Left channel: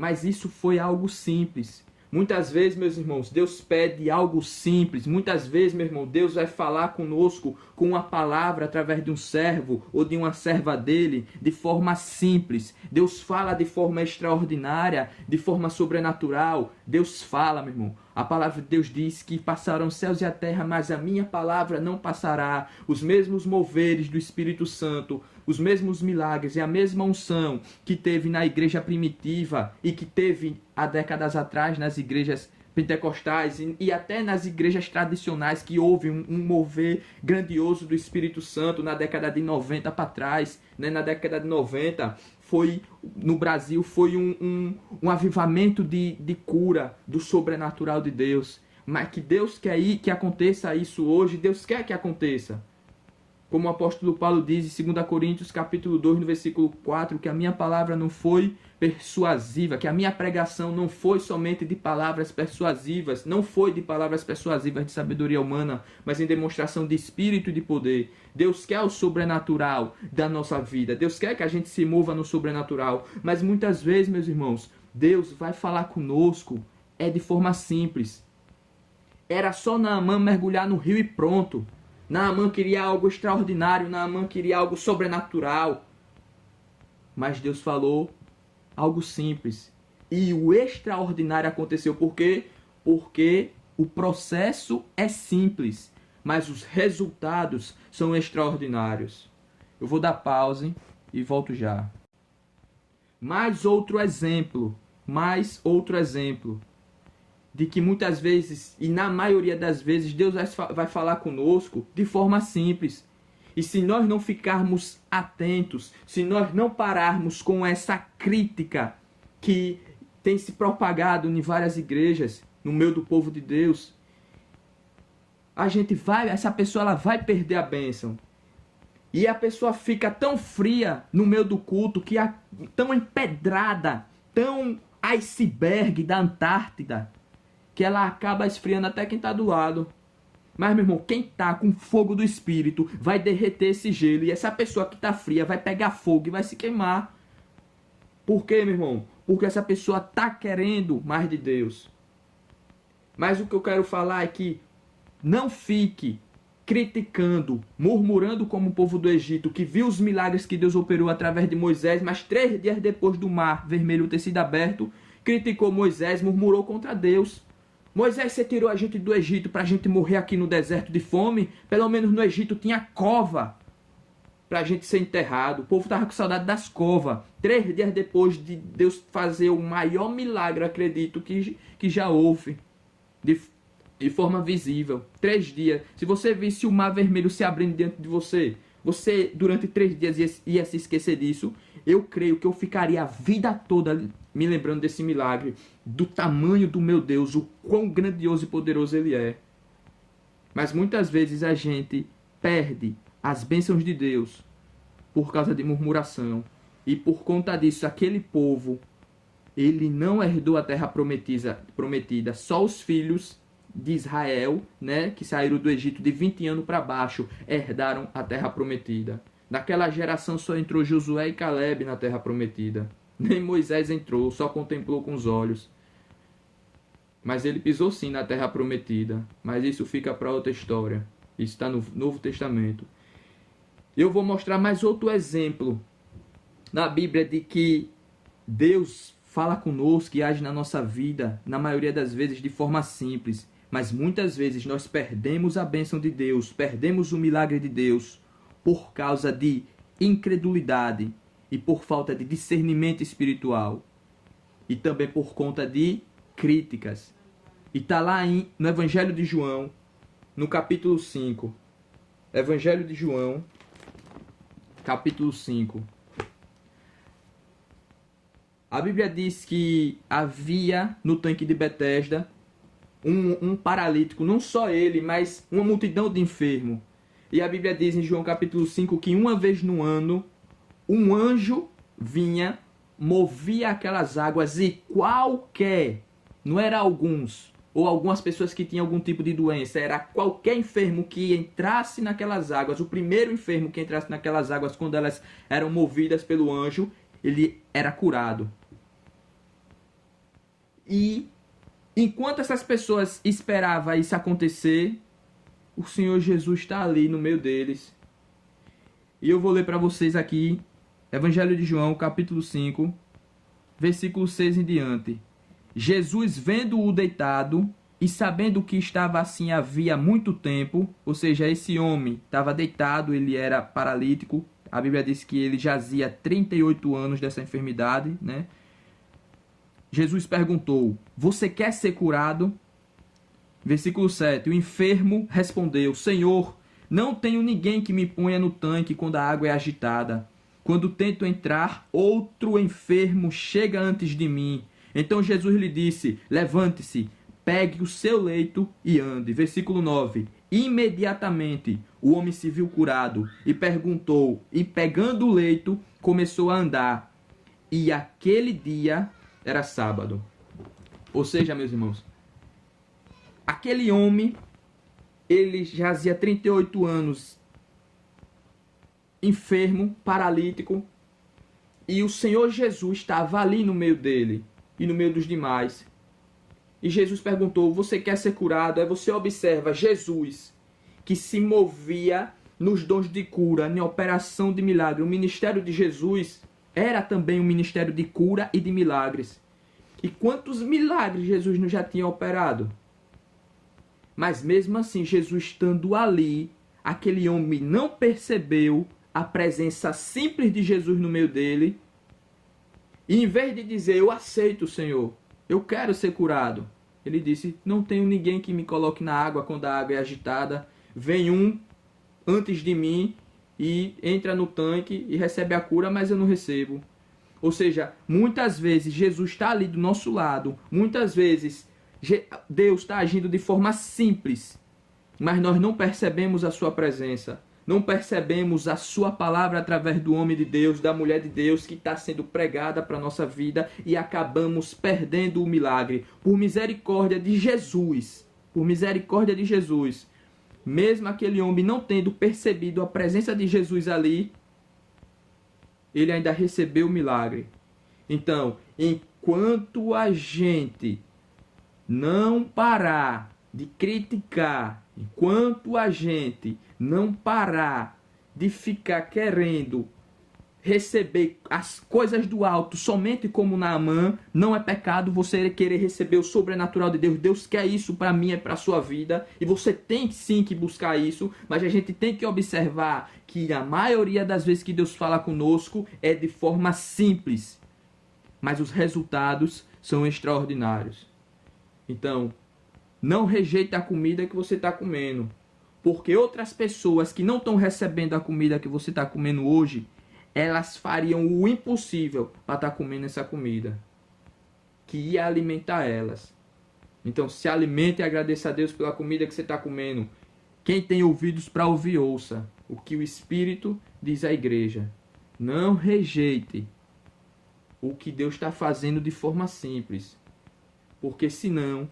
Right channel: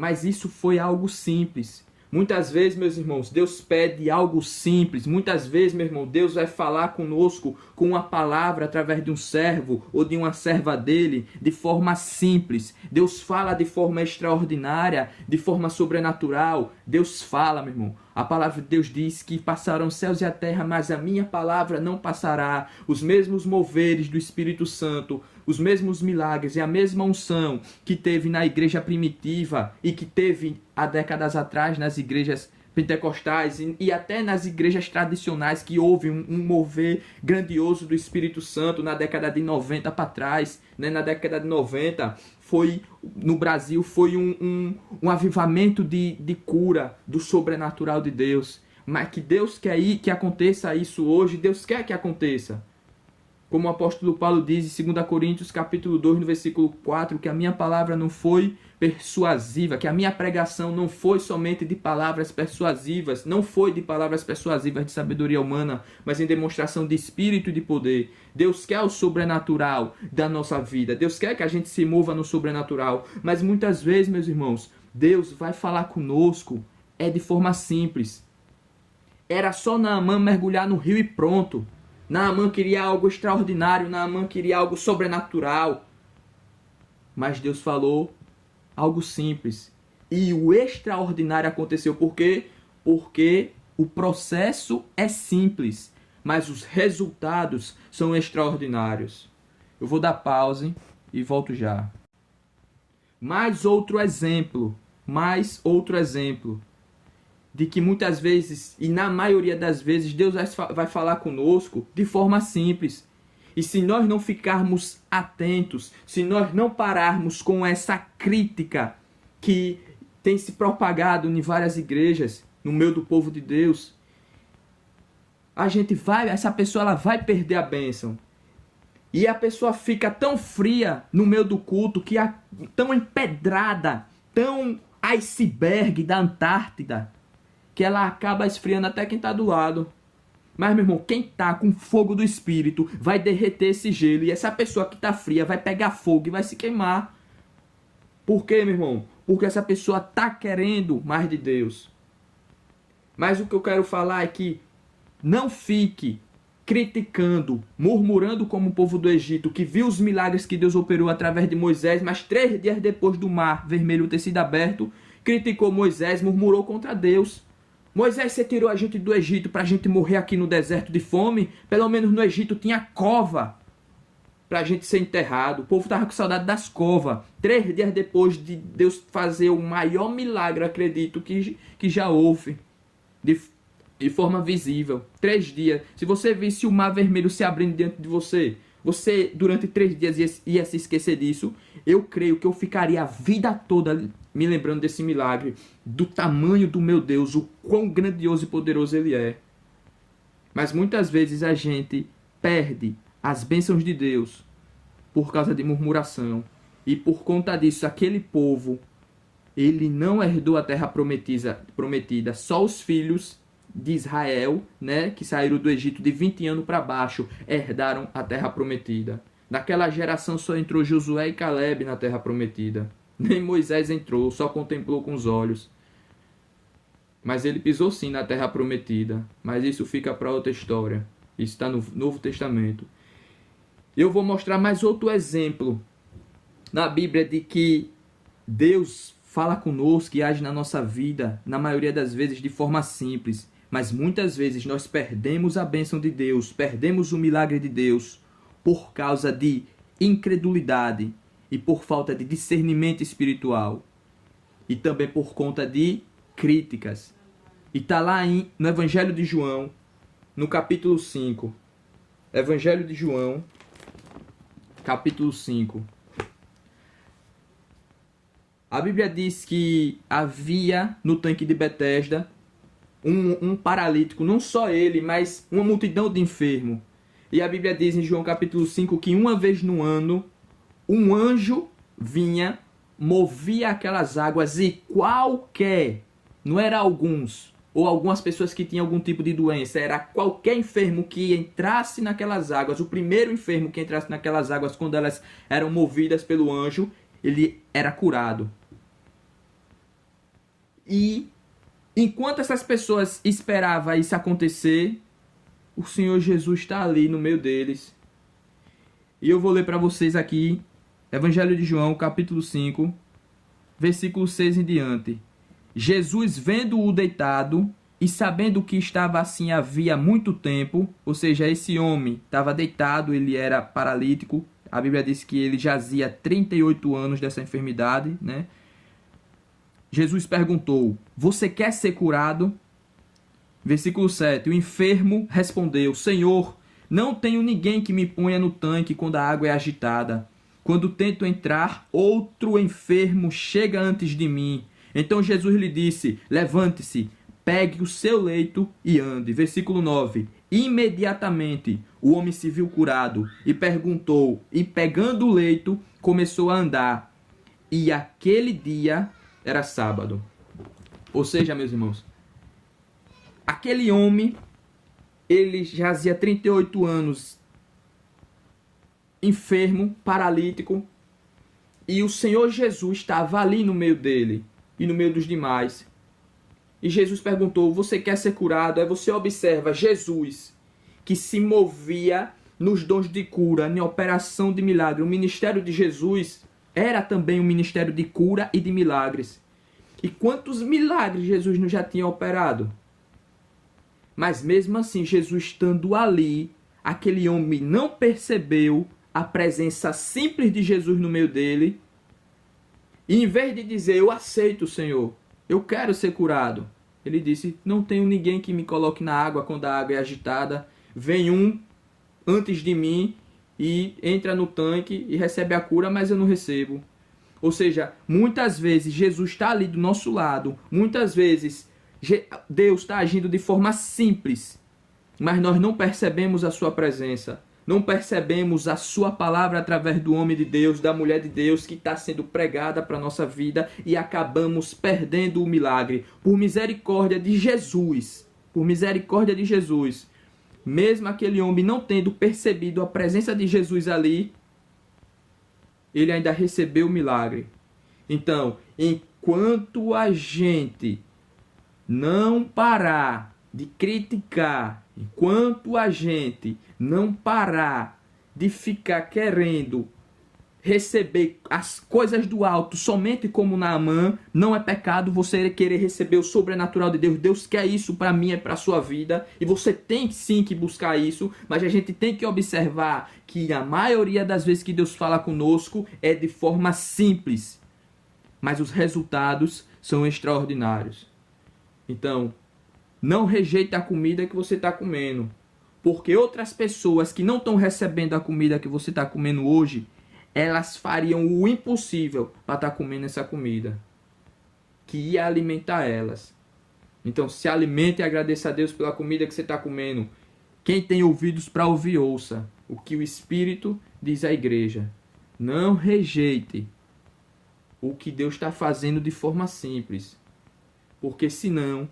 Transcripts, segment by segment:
Mas isso foi algo simples. Muitas vezes, meus irmãos, Deus pede algo simples. Muitas vezes, meu irmão, Deus vai falar conosco com uma palavra através de um servo ou de uma serva dele, de forma simples. Deus fala de forma extraordinária, de forma sobrenatural. Deus fala, meu irmão. A palavra de Deus diz que passarão os céus e a terra, mas a minha palavra não passará. Os mesmos moveres do Espírito Santo, os mesmos milagres e a mesma unção que teve na igreja primitiva e que teve há décadas atrás nas igrejas pentecostais e até nas igrejas tradicionais, que houve um mover grandioso do Espírito Santo na década de 90 para trás, né? Na década de 90 no Brasil foi um avivamento de cura do sobrenatural de Deus. Mas que Deus quer que aconteça isso hoje, Deus quer que aconteça. Como o apóstolo Paulo diz em 2 Coríntios capítulo 2, no versículo 4, que a minha palavra não foi persuasiva, que a minha pregação não foi somente de palavras persuasivas, não foi de palavras persuasivas de sabedoria humana, mas em demonstração de espírito e de poder. Deus quer o sobrenatural da nossa vida, Deus quer que a gente se mova no sobrenatural, mas muitas vezes, meus irmãos, Deus vai falar conosco de forma simples. Era só Naamã mergulhar no rio e pronto. Naamã queria algo extraordinário, Naamã queria algo sobrenatural. Mas Deus falou algo simples. E o extraordinário aconteceu. Por quê? Porque o processo é simples, mas os resultados são extraordinários. Eu vou dar pause e volto já. Mais outro exemplo de que muitas vezes, e na maioria das vezes, Deus vai falar conosco de forma simples. E se nós não ficarmos atentos, se nós não pararmos com essa crítica que tem se propagado em várias igrejas, no meio do povo de Deus, essa pessoa ela vai perder a bênção. E a pessoa fica tão fria no meio do culto, tão empedrada, tão iceberg da Antártida, que ela acaba esfriando até quem está do lado. Mas, meu irmão, quem está com fogo do Espírito vai derreter esse gelo. E essa pessoa que está fria vai pegar fogo e vai se queimar. Por quê, meu irmão? Porque essa pessoa está querendo mais de Deus. Mas o que eu quero falar é que não fique criticando, murmurando como o povo do Egito, que viu os milagres que Deus operou através de Moisés, mas 3 dias depois do mar vermelho ter sido aberto, criticou Moisés, murmurou contra Deus. Moisés, você tirou a gente do Egito para a gente morrer aqui no deserto de fome? Pelo menos no Egito tinha cova para a gente ser enterrado. O povo estava com saudade das covas. 3 dias depois de Deus fazer o maior milagre, acredito, que já houve. De forma visível. 3 dias. Se você visse o mar vermelho se abrindo diante de você, você durante 3 dias ia se esquecer disso. Eu creio que eu ficaria a vida toda me lembrando desse milagre, do tamanho do meu Deus, o quão grandioso e poderoso Ele é. Mas muitas vezes a gente perde as bênçãos de Deus por causa de murmuração. E por conta disso, aquele povo, ele não herdou a terra prometida. Só os filhos de Israel, né, que saíram do Egito de 20 anos para baixo, herdaram a terra prometida. Naquela geração só entrou Josué e Caleb na terra prometida. Nem Moisés entrou, só contemplou com os olhos. Mas ele pisou sim na terra prometida. Mas isso fica para outra história. Isso está no Novo Testamento. Eu vou mostrar mais outro exemplo na Bíblia de que Deus fala conosco e age na nossa vida, na maioria das vezes de forma simples. Mas muitas vezes nós perdemos a bênção de Deus, perdemos o milagre de Deus por causa de incredulidade e por falta de discernimento espiritual. E também por conta de críticas. E está lá no Evangelho de João, no capítulo 5. Evangelho de João, capítulo 5. A Bíblia diz que havia no tanque de Betesda um paralítico, não só ele, mas uma multidão de enfermos. E a Bíblia diz em João capítulo 5 que uma vez no ano, um anjo vinha, movia aquelas águas e qualquer, não era alguns, ou algumas pessoas que tinham algum tipo de doença, era qualquer enfermo que entrasse naquelas águas, o primeiro enfermo que entrasse naquelas águas quando elas eram movidas pelo anjo, ele era curado. E enquanto essas pessoas esperavam isso acontecer, o Senhor Jesus está ali no meio deles. E eu vou ler para vocês aqui, Evangelho de João, capítulo 5, versículo 6 em diante. Jesus, vendo-o deitado e sabendo que estava assim havia muito tempo, ou seja, esse homem estava deitado, ele era paralítico, a Bíblia diz que ele jazia 38 anos dessa enfermidade, né? Jesus perguntou, você quer ser curado? Versículo 7, o enfermo respondeu, Senhor, não tenho ninguém que me ponha no tanque quando a água é agitada. Quando tento entrar, outro enfermo chega antes de mim. Então Jesus lhe disse, levante-se, pegue o seu leito e ande. Versículo 9, imediatamente o homem se viu curado e perguntou, e pegando o leito, começou a andar. E aquele dia era sábado. Ou seja, meus irmãos, aquele homem, ele jazia 38 anos, enfermo, paralítico, e o Senhor Jesus estava ali no meio dele e no meio dos demais. E Jesus perguntou, você quer ser curado? Aí você observa Jesus, que se movia nos dons de cura, em operação de milagre. O ministério de Jesus era também um ministério de cura e de milagres. E quantos milagres Jesus não já tinha operado? Mas mesmo assim, Jesus estando ali, aquele homem não percebeu a presença simples de Jesus no meio dele. E em vez de dizer, eu aceito, Senhor, eu quero ser curado, ele disse, não tenho ninguém que me coloque na água quando a água é agitada. Vem um antes de mim e entra no tanque e recebe a cura, mas eu não recebo. Ou seja, muitas vezes Jesus está ali do nosso lado, muitas vezes Deus está agindo de forma simples, mas nós não percebemos a sua presença. Não percebemos a sua palavra através do homem de Deus, da mulher de Deus que está sendo pregada para a nossa vida e acabamos perdendo o milagre. Por misericórdia de Jesus, mesmo aquele homem não tendo percebido a presença de Jesus ali, ele ainda recebeu o milagre. Então, enquanto a gente não parar de criticar, enquanto a gente não parar de ficar querendo receber as coisas do alto somente como Naamã, não é pecado você querer receber o sobrenatural de Deus. Deus quer isso para mim, é para a sua vida, e você tem sim que buscar isso, mas a gente tem que observar que a maioria das vezes que Deus fala conosco é de forma simples, mas os resultados são extraordinários. Então, não rejeite a comida que você está comendo, porque outras pessoas que não estão recebendo a comida que você está comendo hoje, elas fariam o impossível para estar comendo essa comida, que ia alimentar elas. Então, se alimente e agradeça a Deus pela comida que você está comendo. Quem tem ouvidos para ouvir, ouça o que o Espírito diz à igreja. Não rejeite o que Deus está fazendo de forma simples, porque senão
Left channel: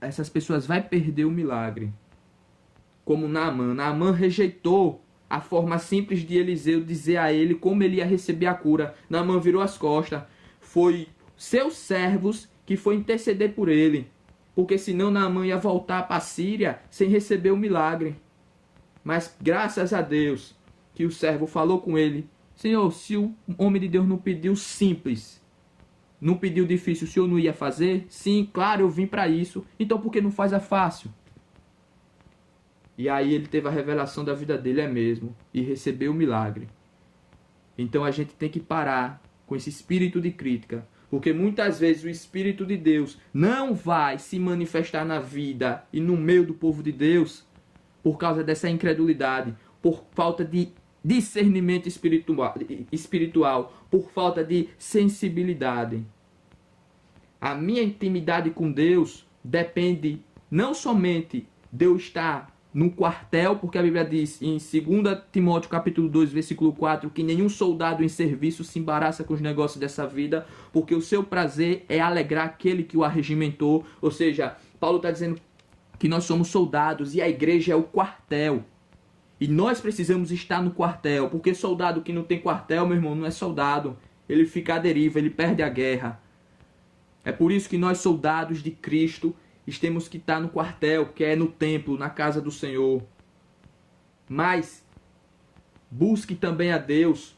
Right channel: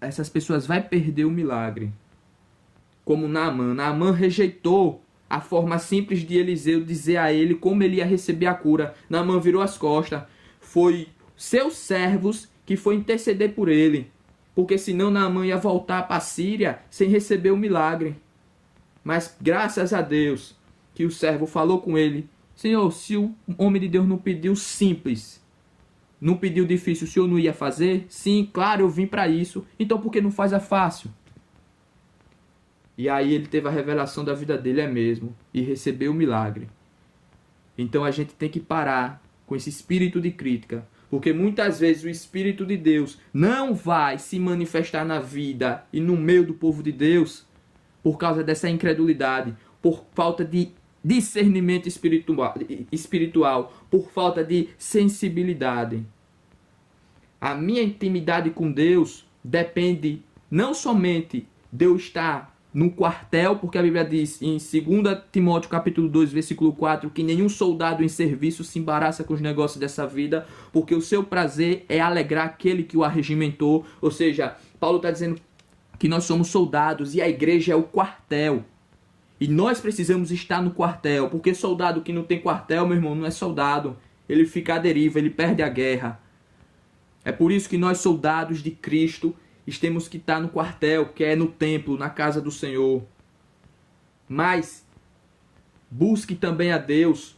essas pessoas vão perder o milagre. Como Naamã. Naamã rejeitou a forma simples de Eliseu dizer a ele como ele ia receber a cura. Naamã virou as costas. Foi seus servos que foi interceder por ele. Porque senão Naamã ia voltar para a Síria sem receber o milagre. Mas graças a Deus que o servo falou com ele. Senhor, se o homem de Deus não pediu simples, não pediu difícil, o senhor não ia fazer? Sim, claro, eu vim para isso. Então por que não faz a fácil? E aí ele teve a revelação da vida dele, é mesmo, e recebeu o milagre. Então a gente tem que parar com esse espírito de crítica, porque muitas vezes o Espírito de Deus não vai se manifestar na vida e no meio do povo de Deus por causa dessa incredulidade, por falta de discernimento espiritual, por falta de sensibilidade. A minha intimidade com Deus depende não somente de eu estar no quartel, porque a Bíblia diz em 2 Timóteo capítulo 2, versículo 4, que nenhum soldado em serviço se embaraça com os negócios dessa vida, porque o seu prazer é alegrar aquele que o arregimentou. Ou seja, Paulo está dizendo que nós somos soldados e a igreja é o quartel. E nós precisamos estar no quartel, porque soldado que não tem quartel, meu irmão, não é soldado. Ele fica à deriva, ele perde a guerra. É por isso que nós, soldados de Cristo, temos que estar no quartel, que é no templo, na casa do Senhor. Mas busque também a Deus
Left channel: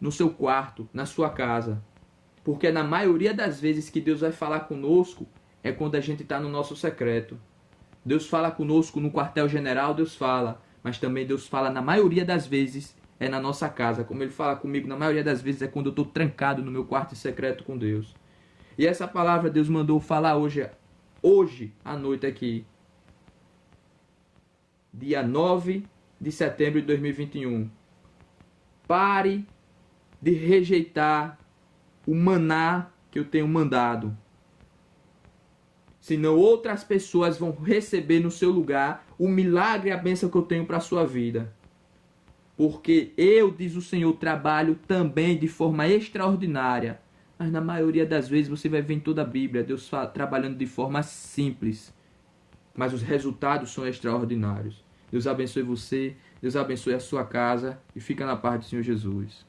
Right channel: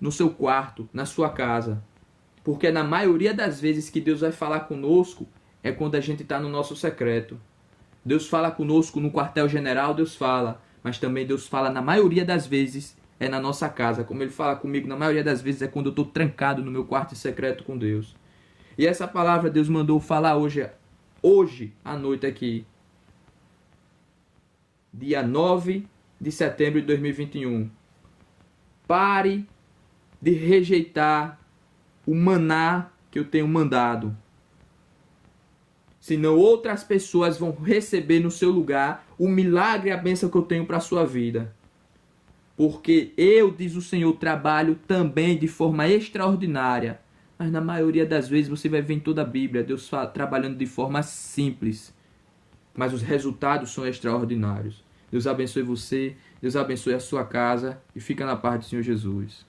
no seu quarto, na sua casa. Porque na maioria das vezes que Deus vai falar conosco é quando a gente está no nosso secreto. Deus fala conosco no quartel-general, Deus fala. Mas também Deus fala na maioria das vezes é na nossa casa. Como Ele fala comigo, na maioria das vezes é quando eu estou trancado no meu quarto secreto com Deus. E essa palavra Deus mandou falar hoje à noite aqui. Dia 9 de setembro de 2021. Pare de rejeitar o maná que eu tenho mandado. Senão outras pessoas vão receber no seu lugar o milagre e a bênção que eu tenho para a sua vida. Porque eu, diz o Senhor, trabalho também de forma extraordinária. Mas na maioria das vezes você vai ver em toda a Bíblia Deus trabalhando de forma simples. Mas os resultados são extraordinários. Deus abençoe você, Deus abençoe a sua casa e fica na paz do Senhor Jesus.